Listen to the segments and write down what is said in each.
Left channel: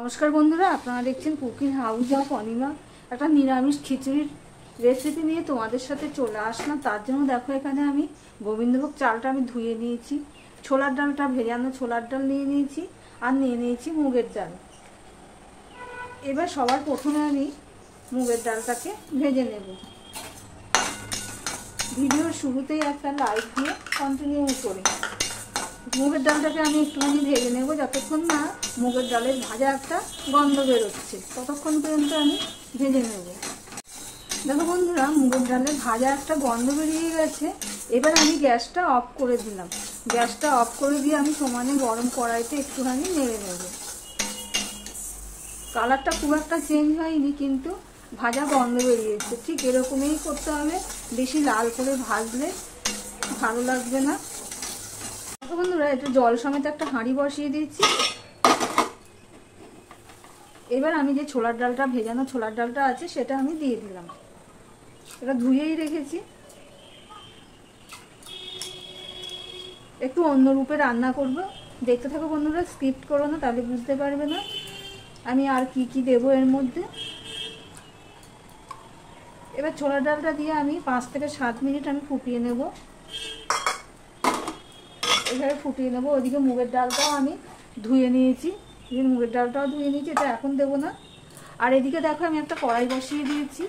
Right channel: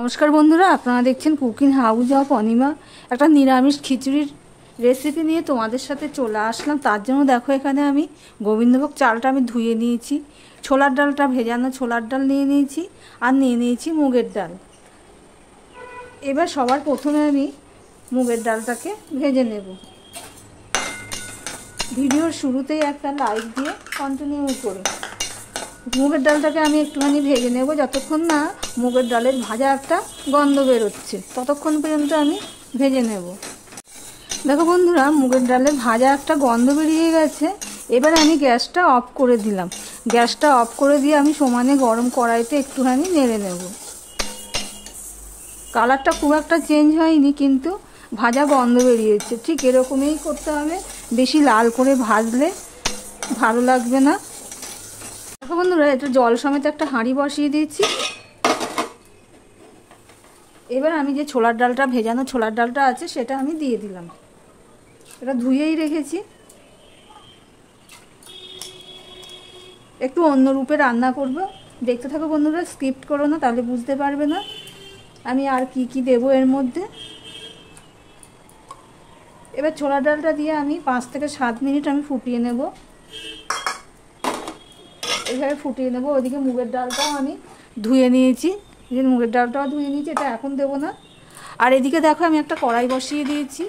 নমস্কার বন্ধুরা, আপনারা দেখছেন কুকিং হাউস অফ অনিমা। একটা নিরামিষ খিচুড়ির রেসিপি নিয়ে তোমাদের সাথে চলে আসলাম। তার জন্য দেখো এখানে আমি গোবিন্দভোগ চালটা আমি ধুয়ে নিয়েছি, ছোলার ডালটা ভেজানো ছোলার ডাল নিয়ে নিয়েছি, আর নিয়ে নিয়েছি মুগের ডাল। এবার সবার প্রথমে আমি মুগের ডালটাকে ভেজে নেব। ভিডিওর শুরুতেই একটা লাইক দিয়ে কন্টিনিউ করে মুগের ডালটাকে আমি একটুখানি ভেজে নেব, যতক্ষণ না মুগের ডালের ভাজা একটা গন্ধ বেরোচ্ছে ততক্ষণ পর্যন্ত আমি ভেজে নেব। দেখো বন্ধুরা, মুগের ডালের ভাজা একটা গন্ধ বেরিয়ে গেছে। এবার আমি গ্যাসটা অফ করে দিলাম। গ্যাসটা অফ করে দিয়ে আমি সমানে গরম কড়াইতে একটুখানি নেড়ে নেব। কালারটা খুব একটা চেঞ্জ হয়নি, কিন্তু ভাজা গন্ধ বেরিয়েছে। ঠিক এরকমই করতে হবে, বেশি লাল করে ভাজলে ভালো লাগবে না। বন্ধুরা, এটা জল সমেত একটা হাঁড়ি বসিয়ে দিয়েছি। এবার আমি যে ছোলার ডালটা ভেজানো ছোলার ডালটা আছে সেটা আমি দিয়ে দিলাম। এটা ধুয়েই রেখেছি। একটু অন্য রূপে রান্না করব, দেখতে থাকো বন্ধুরা, স্কিপ করো না, তাহলে বুঝতে পারবে না আমি আর কি কি দেবো এর মধ্যে। এবার ছোলার ডালটা দিয়ে আমি 5 থেকে 7 মিনিট আমি ফুটিয়ে নেব। এইভাবে ফুটিয়ে নেবো। ওইদিকে মুগের ডালটাও আমি ধুয়ে নিয়েছি, মুগের ডালটাও ধুয়ে নিয়েছি, এটা এখন দেবো না। আর এদিকে দেখো আমি একটা কড়াই বসিয়ে দিয়েছি,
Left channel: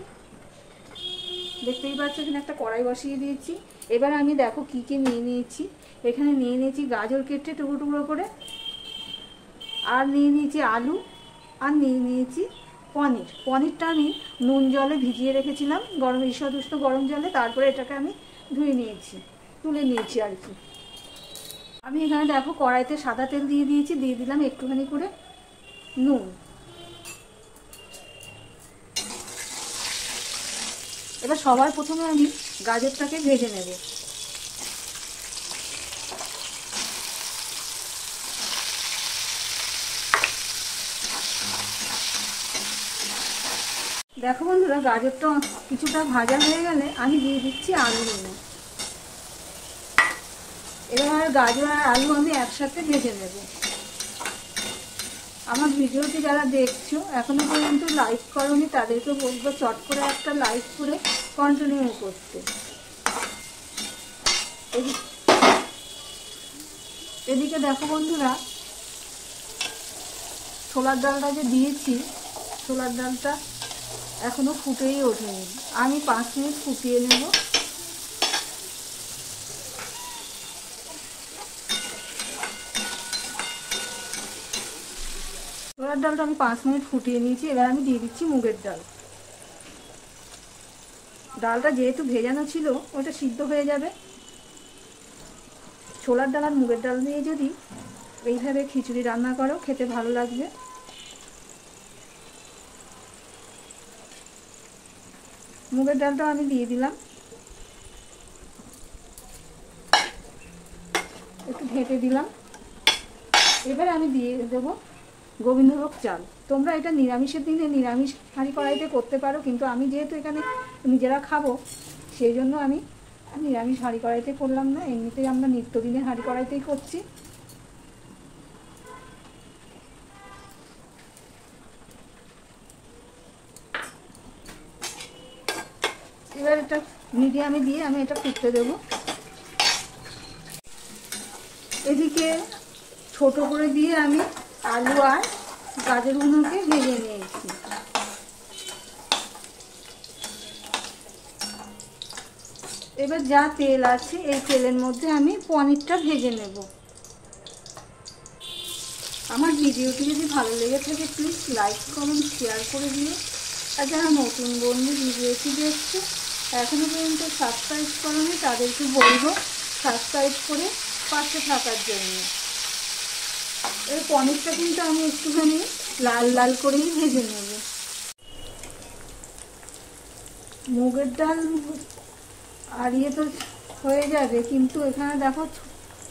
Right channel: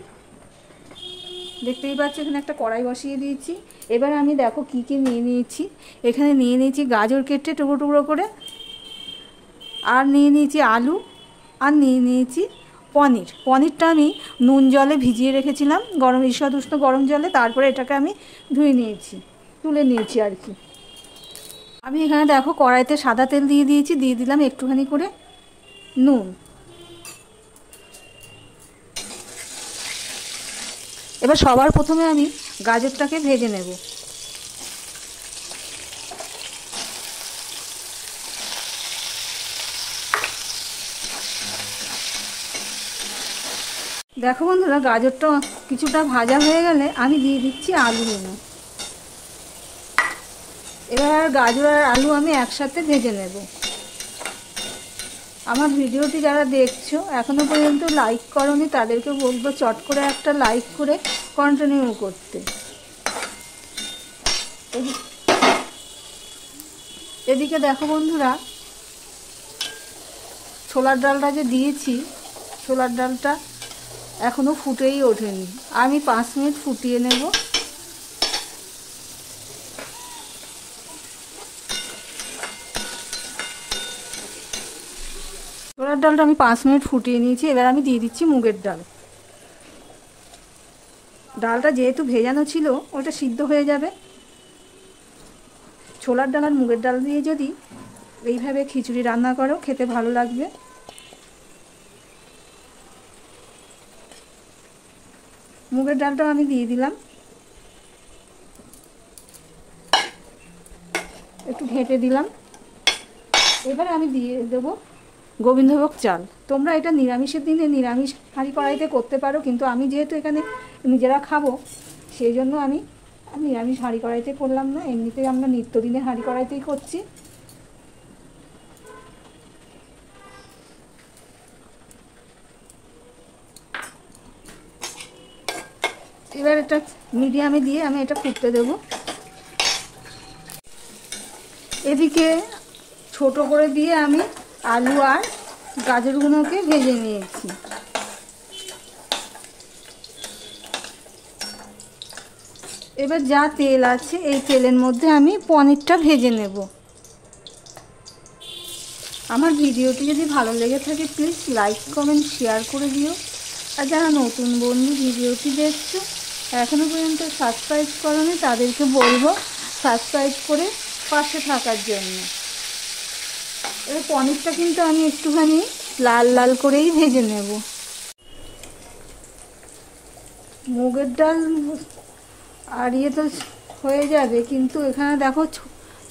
দেখতেই পাচ্ছ এখানে একটা কড়াই বসিয়ে দিয়েছি। এবার আমি দেখো কি কি নিয়ে নিয়েছি। এখানে নিয়ে নিয়েছি গাজর কেটে টুকরো টুকরো করে, আর নিয়ে নিয়েছি আলু, আর নিয়ে নিয়েছি পনির। পনিরটা আমি নুন জলে ভিজিয়ে রেখেছিলাম, গরম ঈষৎ উষ্ণ গরম জলে, তারপরে এটাকে আমি ধুয়ে নিয়েছি, তুলে নিয়েছি আর কি। আমি এখানে দেখো কড়াইতে সাদা তেল দিয়ে দিয়েছি, দিয়ে দিলাম একটুখানি করে নুন। এবার সবার প্রথমে আমি গাজরটাকে ভেজে নেব। দেখো বন্ধুরা, গাজরটা কিছুটা ভাজা হয়ে গেলে আমি দিয়ে দিচ্ছি আলু। এবার গাজর আর আলু আমি একসাথে ভেজে নেব। আমার ভিডিওটি যারা দেখছো এখনো পর্যন্ত লাইক করোনি, তাদেরকে বলবো চট করে একটা লাইক করে কন্টিনিউ করতে। এদিকে দেখো বন্ধুরা, ছোলার ডালটা যে দিয়েছি, ছোলার ডালটা এখনো ফুটেই ওঠেনি। আমি 5 মিনিট ফুটিয়ে নেব। ছোলার ডালটা আমি 5 মিনিট ফুটিয়ে নিয়েছি। এবার আমি দিয়ে দিচ্ছি মুগের ডাল। ডালটা যেহেতু ভেজানো ছিল ওটা সিদ্ধ হয়ে যাবে। ছোলার ডাল আর মুগের ডাল দিয়ে যদি এইভাবে খিচুড়ি রান্না করো খেতে ভালো লাগবে। মুগের ডালটা আমি দিয়ে দিলাম, একটু ঘেঁটে দিলাম। এবারে আমি দিয়ে দেবো গোবিন্দভোগ চাল। তোমরা এটা নিরামিষের দিনে নিরামিষ হাঁড়ি কড়াইতে করতে পারো, কিন্তু আমি যেহেতু এখানে নিজেরা খাবো সেই জন্য আমি নিরামিষ হাঁড়ি কড়াইতে করলাম না। এমনিতেই আমরা নিত্যদিনের হাঁড়ি কড়াইতেই করছি। এবার এটা মিডিয়ামে দিয়ে আমি এটা ফুটতে দেবো। এদিকে ছোট করে দিয়ে আমি আলু আর গাজরগুলোকে ভেজে নিয়েছি। এবার যা তেল আছে এই তেলের মধ্যে আমি পনিরটা ভেজে নেব। আমার ভিডিওটি যদি ভালো লেগে থাকে প্লিজ লাইক কমেন্ট শেয়ার করে দিও। আর যারা নতুন বন্ধু ভিডিওটি দেখছো এখনো পর্যন্ত সাবস্ক্রাইব করোনি, তাদেরকে বলবো সাবস্ক্রাইব করে পাশে থাকার জন্য। এই পনিরটা কিন্তু আমি একটুখানি লাল লাল করেই ভেজে নেব। মুগের ডাল আর ইয়ে তো হয়ে যাবে, কিন্তু এখানে দেখো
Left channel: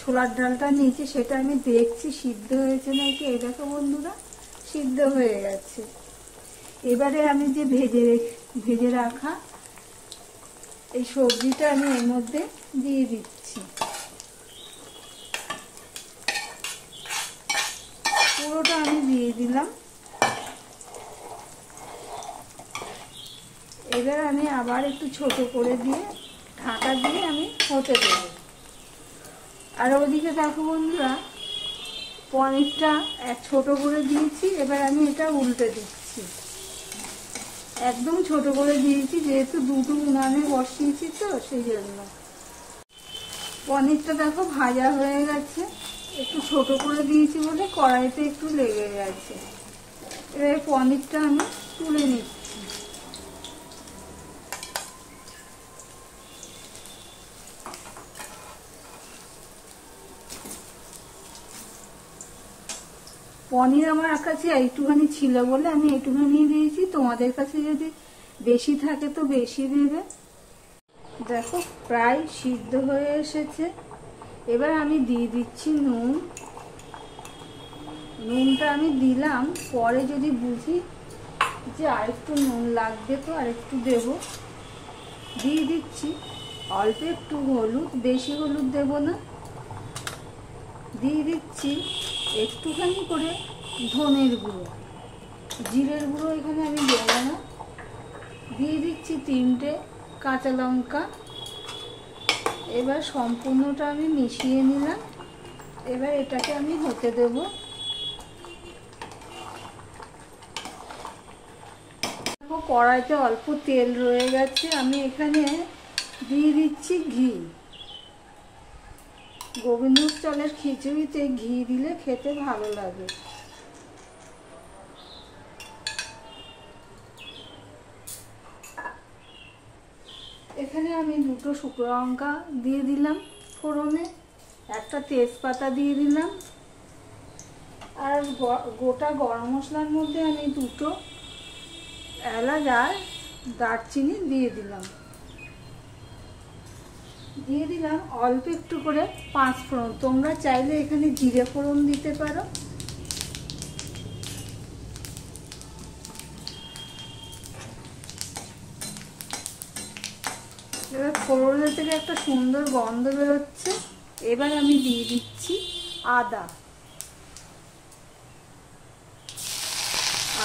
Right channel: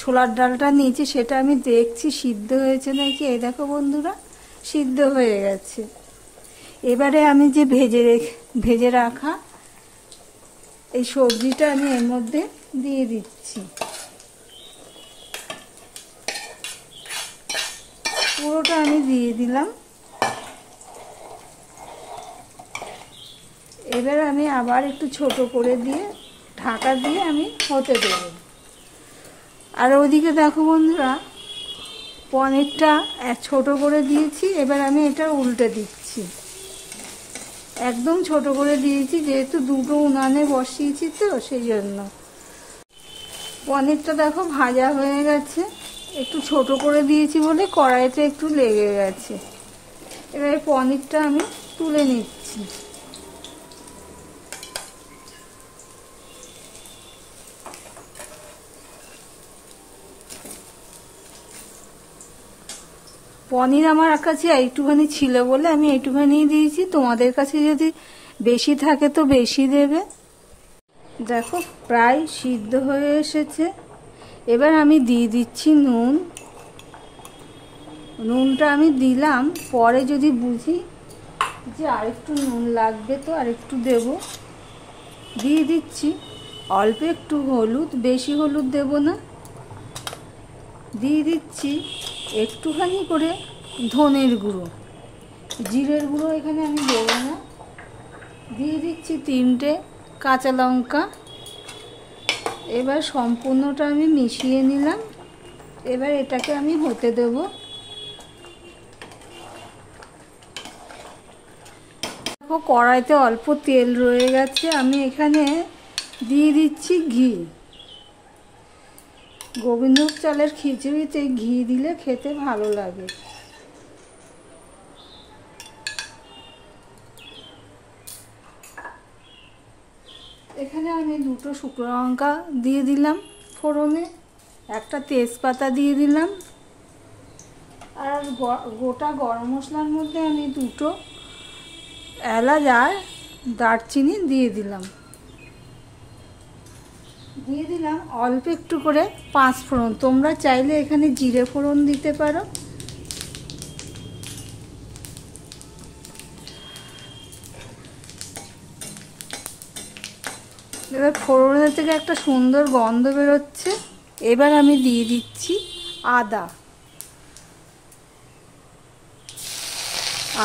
ছোলার ডালটা নিয়েছি, সেটা আমি দেখছি সিদ্ধ হয়েছে নাকি। এই দেখো বন্ধুরা, সিদ্ধ হয়ে গেছে। এবারে আমি যে ভেজে রাখা এই সবজিটা আমি এর মধ্যে দিয়ে দিচ্ছি। পুরোটা আমি দিয়ে দিলাম। এবার আমি আবার একটু ছোট করে দিয়ে ঢাকা দিয়ে আমি হতে দেব। আর ওদিকে দেখো বন্ধুরা, পনিরটা ছোট করে দিয়েছি, এবার আমি এটা উল্টে দিচ্ছি। একদম ছোট করে দিয়েছি, যেহেতু দুটো উনানে বসিয়েছি তো সেই জন্য। পনিরটা দেখো ভাজা হয়ে গেছে, একটু ছোট করে দিয়েছি বলে কড়াইতে একটু লেগে গেছে। এবার পনিরটা আমি তুলে নিচ্ছি। পনির আমার কাছে একটুখানি ছিল বলে আমি একটুখানি দিয়েছি, তোমাদের কাছে যদি বেশি থাকে তো বেশি দেবে। দেখো প্রায় সিদ্ধ হয়ে এসেছে। এবার আমি দিয়ে দিচ্ছি নুন। নুনটা আমি দিলাম, পরে যদি বুঝি যে আরেকটু নুন লাগবে তো আরেকটু দেব, দিয়ে দিচ্ছি। অল্প একটু হলুদ, বেশি হলুদ দেব না। দিয়ে দিচ্ছি একটুখানি করে ধনের গুঁড়ো, জিরের গুঁড়ো এখানে আমি দেবো না। দিয়ে দিচ্ছি 3টে কাঁচা লঙ্কা। এবার সম্পূর্ণটা আমি মিশিয়ে নিলাম। এবার এটাকে আমি হতে দেব। কড়াইতে অল্প তেল রয়ে গেছে, আমি এখানে দিয়ে দিচ্ছি ঘি। গোবিন্দভোগ চালের খিচুড়িতে ঘি দিলে খেতে ভালো লাগে। এখানে আমি 2টো শুকনো লঙ্কা দিয়ে দিলাম ফোড়নে, একটা তেজপাতা দিয়ে দিলাম, আর গোটা গরম মশলার মধ্যে আমি 2টো এলাচ আর দারচিনি দিয়ে দিলাম। দিয়ে দিলাম অল্প একটু করে 5 ফোড়ন। তোমরা চাইলে এখানে জিরে ফোড়ন দিতে পারো। এবার ফোড়নের থেকে একটা সুন্দর গন্ধ বেরোচ্ছে। এবার আমি দিয়ে দিচ্ছি আদা।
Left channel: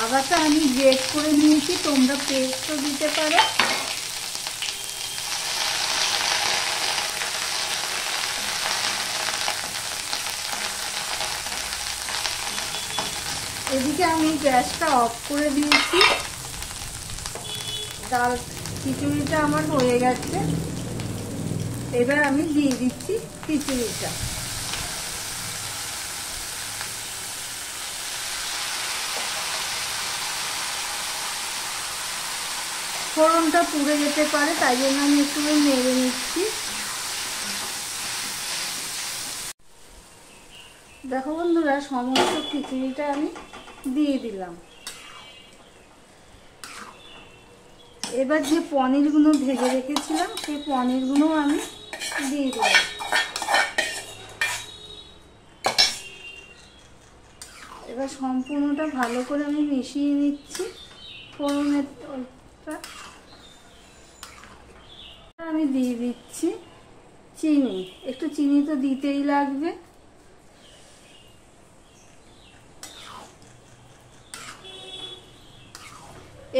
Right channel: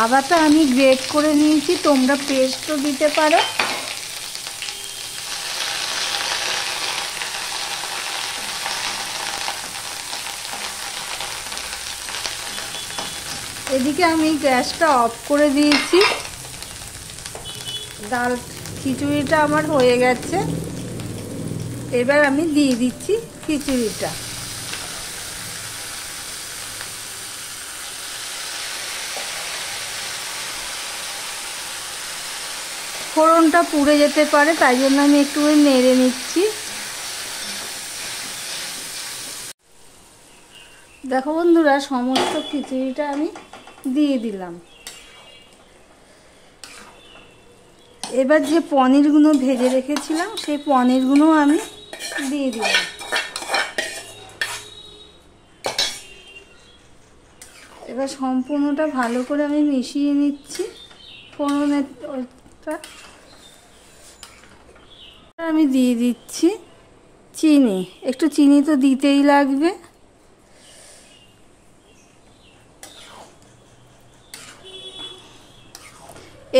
আদাটা আমি গ্রেট করে নিয়েছি, তোমরা পেস্টও দিতে পারো। এদিকে আমি গ্যাসটা অফ করে দিয়েছি। ডাল খিচুড়িটা আমার হয়ে গেছে। এবার আমি দিয়ে দিচ্ছি খিচুড়িটা। ফোড়নটা পুড়ে যেতে পারে, তাই জন্য আমি একটু নেড়ে নিচ্ছি। দেখো বন্ধুরা, সমস্ত খিচুড়িটা আমি দিয়ে দিলাম। এবার যে পনিরগুলো ভেজে রেখেছিলাম সেই পনিরগুলো আমি দিয়ে দিলাম। এবার সম্পূর্ণটা ভালো করে আমি মিশিয়ে নিচ্ছি। ফোড়নের আমি দিয়ে দিচ্ছি চিনি। একটু চিনি তো দিতেই লাগবে।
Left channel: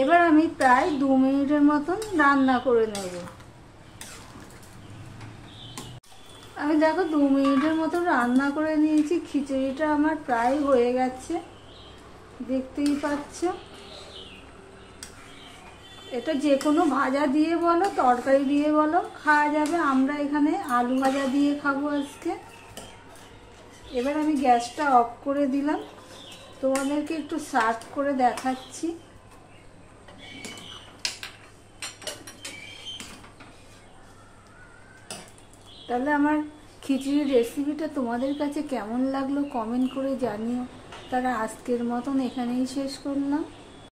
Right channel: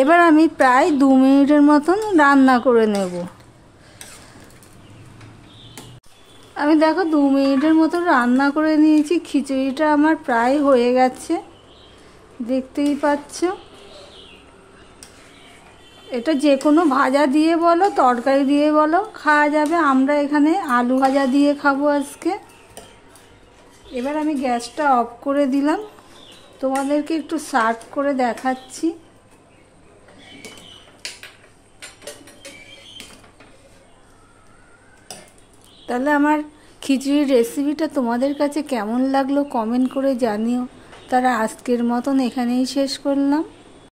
এবার আমি প্রায় 2 মিনিটের মতন রান্না করে নেব। আমি দেখো 2 মিনিটের মতো রান্না করে নিয়েছি। খিচুড়িটা আমার প্রায় হয়ে গেছে, দেখতেই পাচ্ছ। এটা যে কোনো ভাজা দিয়ে বলো, তরকারি দিয়ে বলো খাওয়া যাবে। আমরা এখানে আলু ভাজা দিয়ে খাবো আজকে। এবার আমি গ্যাসটা অফ করে দিলাম, তোমাদেরকে একটু সার্ভ করে দেখাচ্ছি। তাহলে আমার খিচুড়ির রেসিপিটা তোমাদের কাছে কেমন লাগলো কমেন্ট করে জানিও। তারা আজকের মতন এখানেই শেষ করলাম।